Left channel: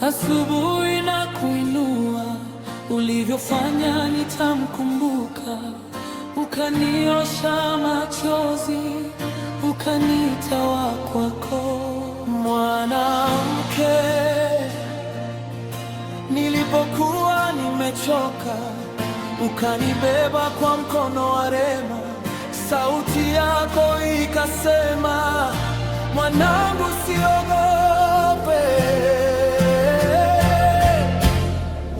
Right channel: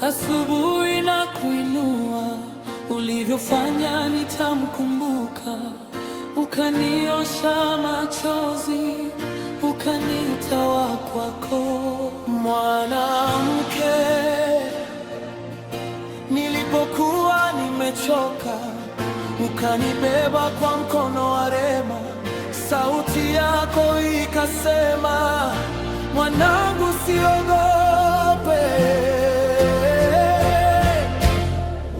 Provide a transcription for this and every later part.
asubuhi na kuinua, ulivyofanya nitamkumbuka. Ukaniosha machozi, ukaniita wa kwako. Mwanamke, nilipokuwa nimechoka, ukanibeba kwa mkono wa rehema. Sauti yako ikasema, mwanangu, usiogope.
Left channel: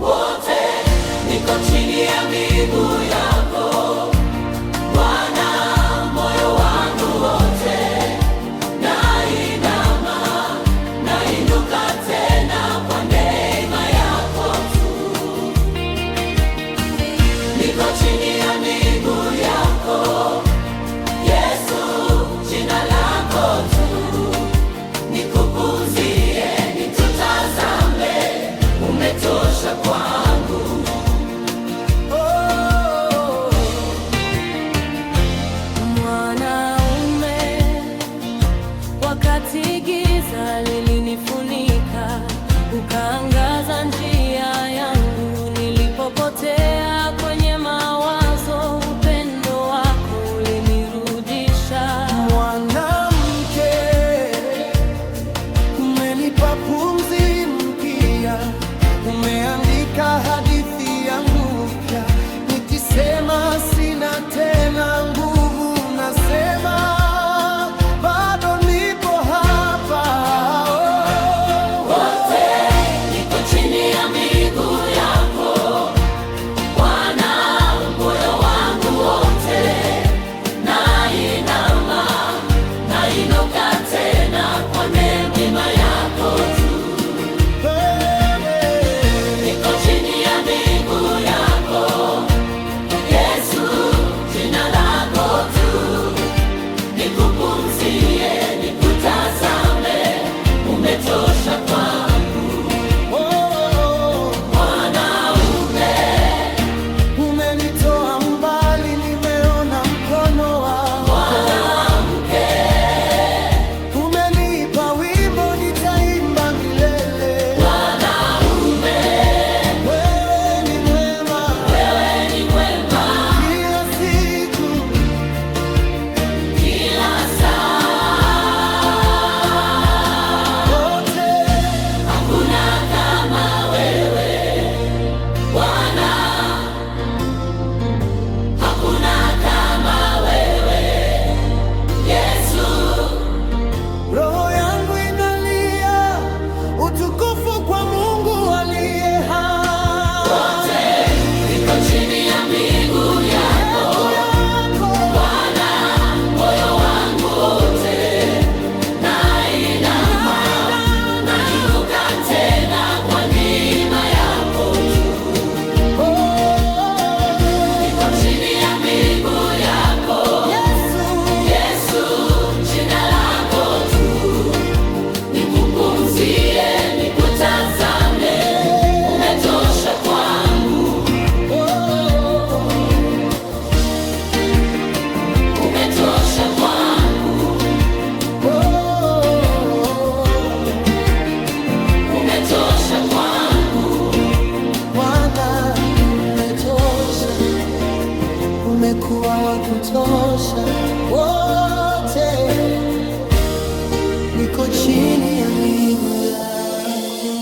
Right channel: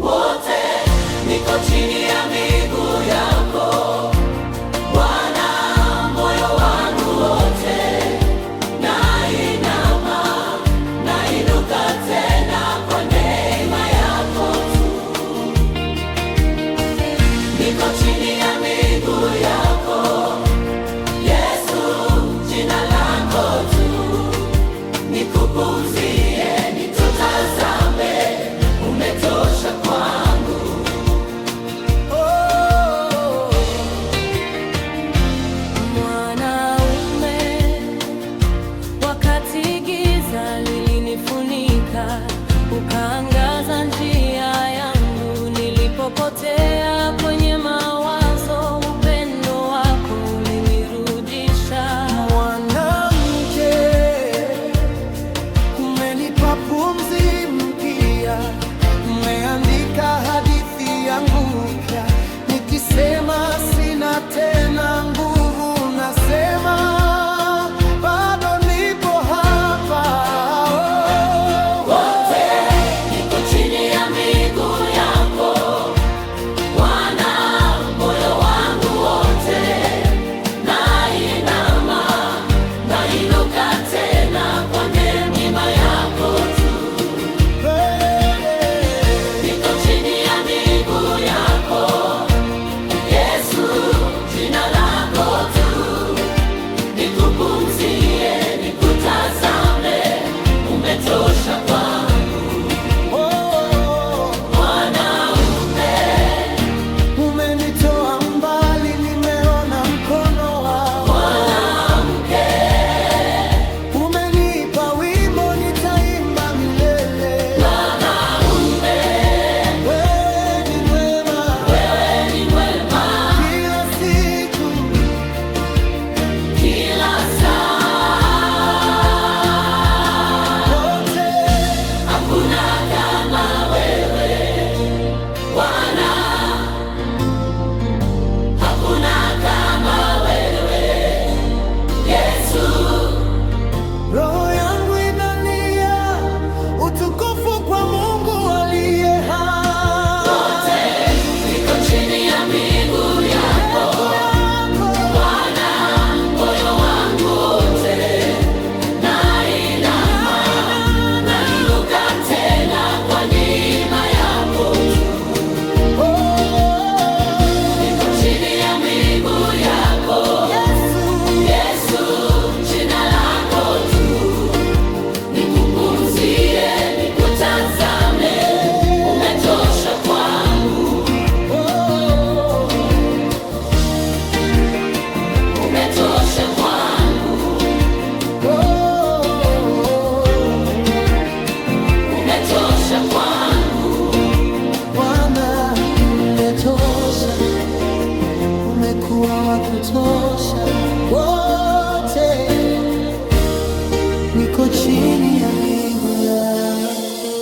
Wote niko chini ya miguu yako Bwana, moyo wangu wote nainama, nainuka tena kwa neema yako tu. Niko chini ya miguu yako Yesu, jina lako tu nikupumzie, nitutazame, umetosha kwangu. Oh, mwanaume, wakati giza lilinifunika, ukaangaza njia yangu. Nilipopotea kwenye mawazo, upendo wako ulinirudisha. Mwanamke, umenipa pumzi mpya, umeandika hadithi yangu mpya. Nikisema sina tena nguvu, nasema bado nipo hapa. Wote niko chini ya miguu yako Bwana, moyo wangu wote nainama, nainuka tena kwa neema yako tu. Niko chini ya miguu yako Yesu, jina lako tu nikupumzie, nikutazame, umetosha kwangu. Mwanaume, Umenitoa mbali, nimeona mkono wako. mwanamke, Umenipa wimbo, nitaimba milele. mwanaume, Wewe ni mwema, wewe ni mwema kila siku, kila saa. wote. Hakuna kama wewe Bwana, hakuna kama wewe Yesu. Roho yangu inalia utukufu kwa Mungu aliye hai. Wote niko chini ya miguu yako Bwana, moyo wangu wote nainama, nainuka tena kwa neema yako tu. Niko chini ya miguu yako Yesu, jina lako tu nikupumzie, nikutazame, umetosha kwangu, umetosha kwangu, umetosha kwangu. Bwana, umetosha, umekuwa wa kutosha. Wote niko chini ya miguu yako.